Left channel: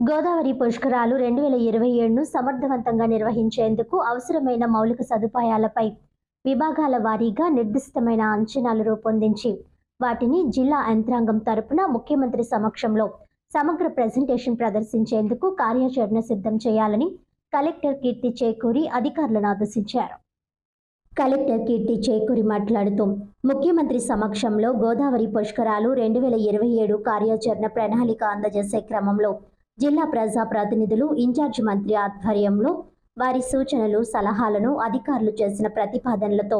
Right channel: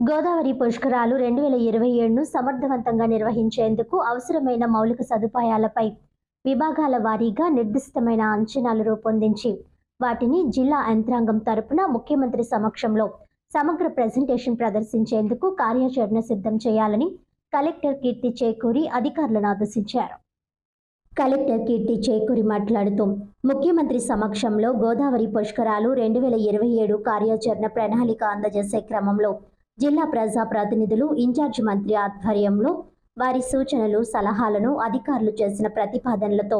గోదావరి పుష్కరాలు రెండు వేల ఇరవై ఏడును సమర్థవంతంగా నిర్వహించేందుకు అవసరమైన మౌలిక సదుపాయాలపై విభాగాల వారీగా నిర్దిష్టమైన అంచనాలు రూపొందించి వాటిని జిల్లా యంత్రాంగం తరపున ముఖ్యమంత్రి సమక్షంలో సమగ్ర ప్రజెంటేషన్ ప్రదర్శించేందుకు కార్యాచరణ సిద్ధం చేయాలని కలెక్టర్ కీర్తి చేకూరి అధికారులను ఆదేశించారు. కలెక్టర్ కీర్తి చేకూరి మాట్లాడుతూ ముఖ్యమంత్రి సమక్షంలో గోదావరి పుష్కరాలు రెండు వేల ఇరవై ఏడు కార్యాచరణ ప్రణాళిక అందజేసే క్రమంలో జిల్లా ప్రజా ప్రతినిధులు ఇన్ఛార్జి మంత్రి ఆధ్వర్యంలో వారి సూచనలు సలహాలను అధికారులు చేసిన ప్రతిపాదనలతో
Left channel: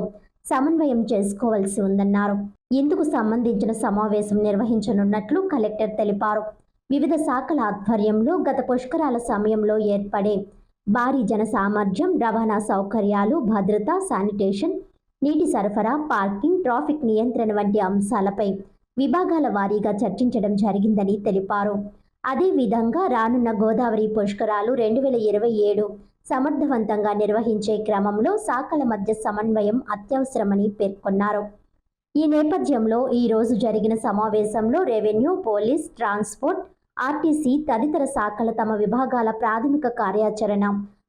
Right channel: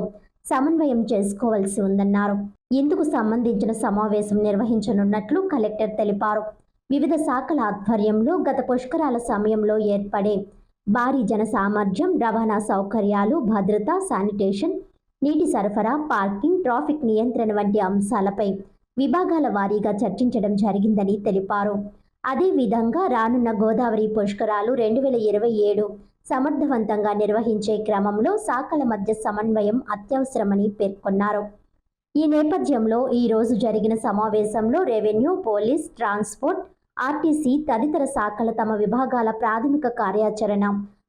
సమన్వయం చేసుకోవాల్సి ఉందన్నారు. ఇందుకు సంబంధించిన సమావేశం నిర్వహించనున్నట్లు కలెక్టర్ తెలిపారు. వివిధ శాఖల ఆధ్వర్యంలో గత పుష్కరాల సమయంలో ఏర్పడే భారీ జన సామర్థ్యం రవాణా సౌకర్యాలు భద్రత శానిటేషన్ నీటి సరఫరా పార్కింగ్ ట్రాఫిక్ నియంత్రణ వంటి అంశాలపై విభాగాల వారీగా చర్చించడం జరిగిందని తెలిపారు. అదేవిధంగా రానున్న గోదావరి పుష్కరాలు రెండు వేల ఇరవై ఏడు సమర్థవంతంగా నిర్వహించే క్రమంలో శాఖల మధ్య సమన్వయం అత్యవసరమని పేర్కొన్నారు. ఈ నేపథ్యంలో ఈ రోజు జరిగిన సమావేశంలో రెవెన్యూ పోలీస్ ట్రాన్స్పోర్ట్ ఆర్టీసీ తదితర శాఖల తమ విభాగాల ప్రాథమిక కార్యాచరణ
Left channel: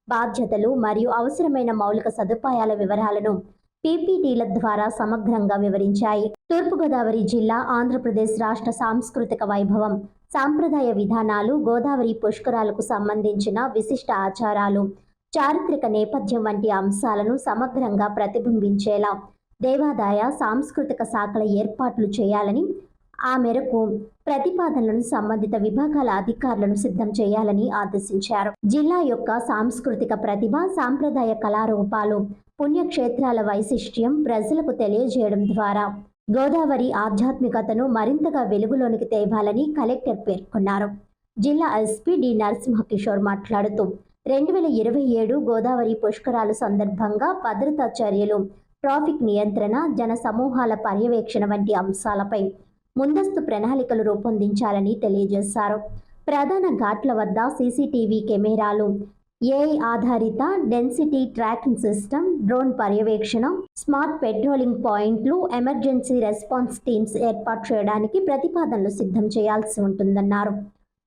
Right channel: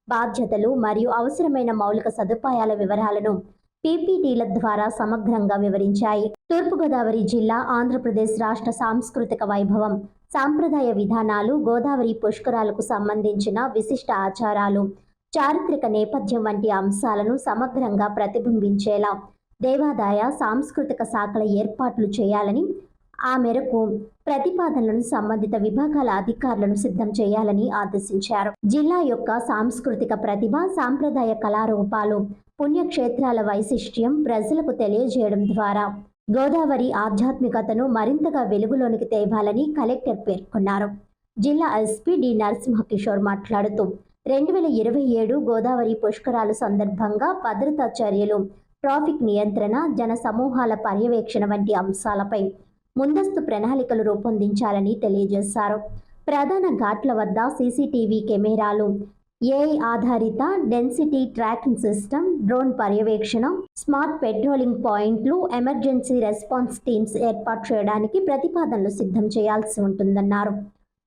బాధ్యతలు మరియు అవసరమైన మౌలిక సదుపాయాల వివరాలను పీపీటీల ద్వారా సమగ్రంగా వివరించాయి. తూర్పుగోదావరి జిల్లా ఆంధ్రప్రదేశ్ రాష్ట్ర సాంస్కృతిక వైభవం సాంప్రదాయ విధానాలు గోదావరి పుష్కరాలకు సంబంధించిన విశిష్ట ఆచారాలు చారిత్రక నేపథ్యం వంటి అంశాలను సమగ్రంగా ప్రతిబింబించేలా దేవాదాయ సాంస్కృతిక శాఖల ఏర్పాట్లు చేయాలని ఆ మేరకు ప్రతిపాదనలను సంబంధిత విభాగాల అధికారులను సిద్ధం చేయాలని ఆదేశించారు. జిల్లా యొక్క సాంస్కృతిక ప్రతిభ సాంప్రదాయ కళారూపాలు పుణ్యక్షేత్రాల వైశిష్ట్యం ప్రజలకు తెలియజేయడం ద్వారా గోదావరి ఆధ్యాత్మికతను మరింతగా వెలుగులోనికి తేవాలని కలెక్టర్ పేర్కొన్నారు. జిల్లా ఎస్పీ డి నరసింహకిషోర్ మాట్లాడుతూ రెండు వేల ఇరవై ఏడు గోదావరి పుష్కరాలు సందర్భంగా భద్రతా చర్యలు ట్రాఫిక్ నియంత్రణ జన సమూహాల పర్యవేక్షణ వంటి అంశాలపై ముందస్తు ప్రణాళికలు రూపొందించాలని తెలియజేశారు. ప్రధాన ఘాట్ల వద్ద సీసీటీవీ కెమెరాలు ఏఐ ఆధారిత డెన్సిటీ ట్రాకింగ్ సిస్టమ్ డ్రోన్ పర్యవేక్షణ స్మార్ట్ పెట్రోలింగ్ పాయింట్లు ఎమర్జెన్సీ రెస్పాన్స్ టీమ్స్ ఏర్పాటు చేయడానికి ప్రతిపాదనలు సిద్ధం చేయాల్సి ఉంటుందన్నారు.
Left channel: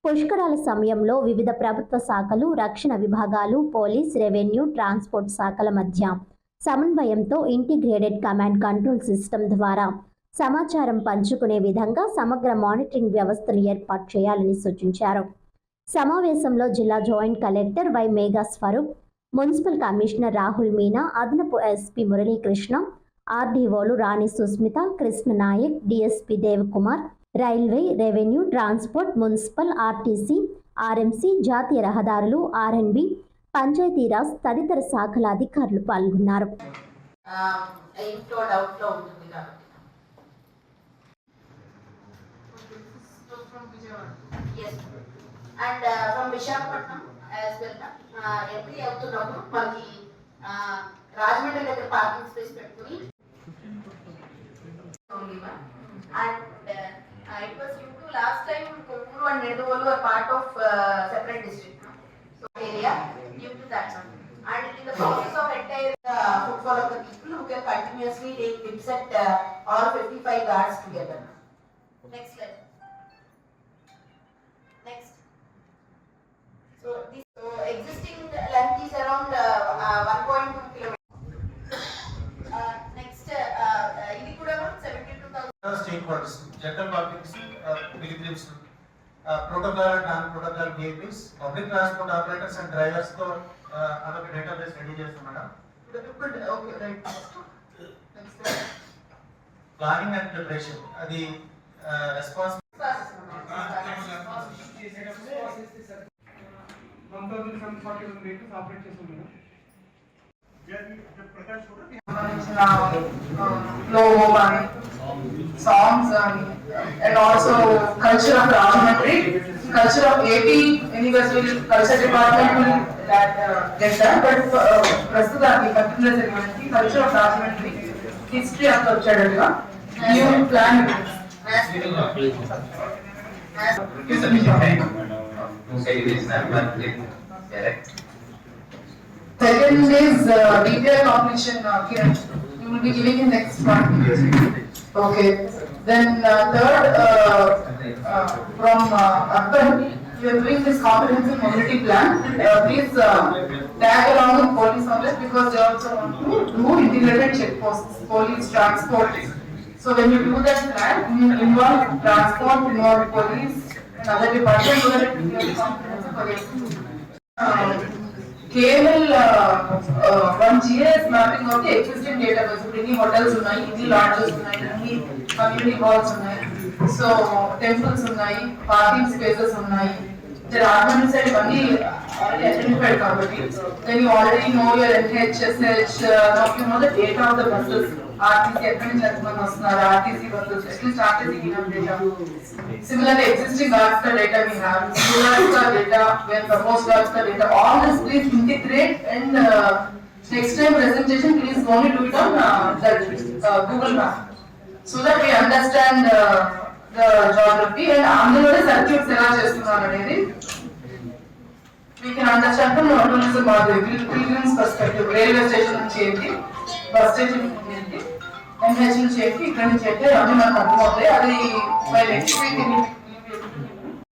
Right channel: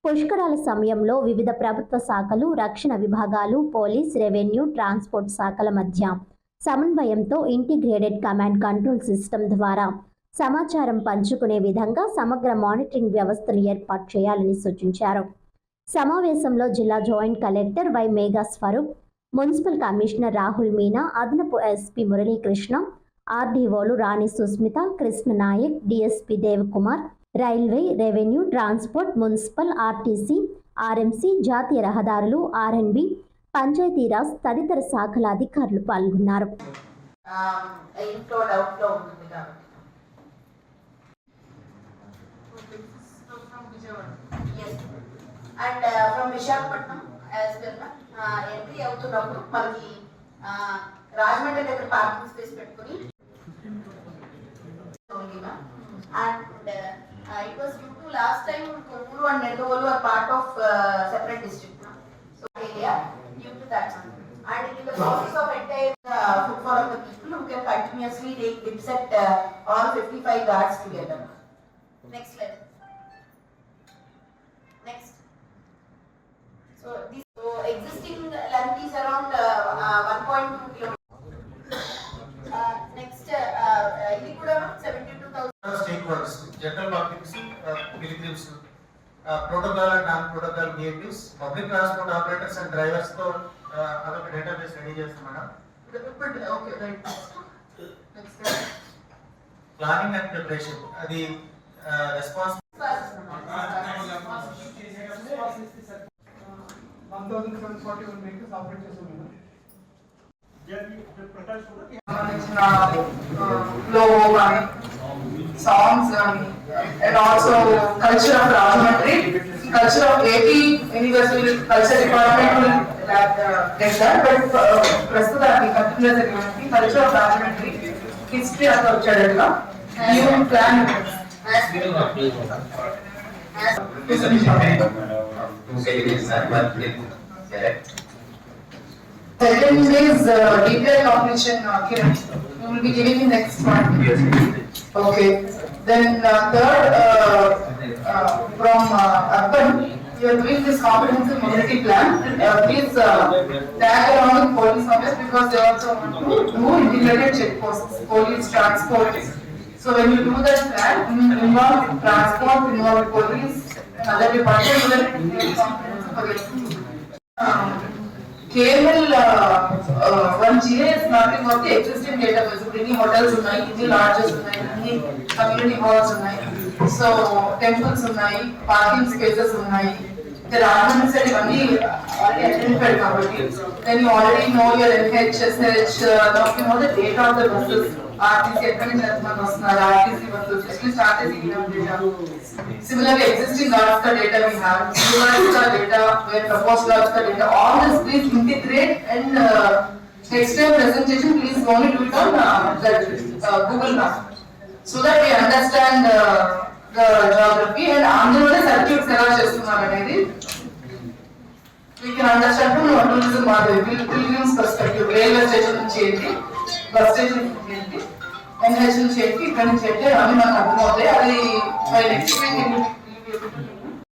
పుష్కరాల సమయంలో వివిధ ప్రభుత్వ శాఖలు రక్షణ విభాగాలు పోలీస్ రెవెన్యూ ట్రాన్స్పోర్ట్ శాఖల మధ్య సమన్వయంతో ఇంటిగ్రేటెడ్ కమాండ్ కంట్రోల్ సిస్టమ్ ద్వారా సమాచారం పంచుకునే విధంగా సమగ్ర మానిటరింగ్ వ్యవస్థను ఏర్పాటు చేయాలని సూచించారు. సమావేశంలో జిల్లా joint collector Y Megha Swaroop municipal commissioner Rahul Meena అదనపు SP Muralikrishna ఆర్డీఓలు Rani Susmitha Krishna Nayak DSP Devakumar railway revenue transport municipal RTC RMC జాతీయ రహదారులు ఆర్ఎన్బి పంచాయతీరాజ్ తదితర శాఖల అధికారులు పాల్గొన్నారు. ఇంట్లో and from Visakhapatnam as well entry అవుతున్నప్పుడు మనకి రాజమండ్రి దగ్గర పార్కింగ్ స్పేస్ పెట్టుకుని and it was due to last time Kovvur and Nidadavolu are part of separate district so area due to that and it in the process of entire uh, footfall of the people who can continuously take dips at uh, all 55 guards together. Next slide. Next. So this so existing length is around uh, uh, 1.2 kilometers. Uh, next, uh, uh, ఇది కూడా 72,000. Stake holders general publics pilgrims protocol and non protocol natives public transport operators and డ్రైవర్స్తో uh, అదొక database ready చేస్తాం madam. Planning and preparation అది response one thousand seven forty one vehicles operate చేస్తున్నాం సంబంధించిన కానీ songs and, and also culture of Rajamatri, culture of AP University culture department will that, uh, get that. But uh, Prastutaki, particular ceremony, culture of Rajamatri, history of Chadalla, new plan. Second is uh, DPI completion. Uh, Kiran, you will be giving the next part. Okay. Then uh, third, uh, uh, from uh, you are doing this comprehensive mobility plan, uh, please uh, tag along with police office because they also want to do integrated checkposts, police transport. So when you do that plan, you involve transport, involve police, and other departments you. Um, కేవల్ one GS మాత్రం పోతే extend data base ఇప్పుడు ఇన్ని hotels ఉన్నాయి ఇన్ని lodges ఉన్నాయి community halls ఉన్నాయి. So temples ఉన్నాయి పార్కింగ్ స్పేసెస్ ఉన్నాయి. వస్తున్నారా RTC started at least data. Similarly, existing Alaska data we have, new data, where proposed Alaska data, all this please integrate and uh, next time presentation, please only do it on uh, the uh, Google map. So that we understand uh, the geography and అందులోనే circuits ఎలా చేస్తున్నారు అనేది we can understand from our tourism model, pilgrims perspective, railway station నుంచి ఏంటి, bus station నుంచి ఏంటి, NH చేసి ఇక్కడ నుంచి అయితే అన్ని నాకు అర్థమవుతాయి, అది by next week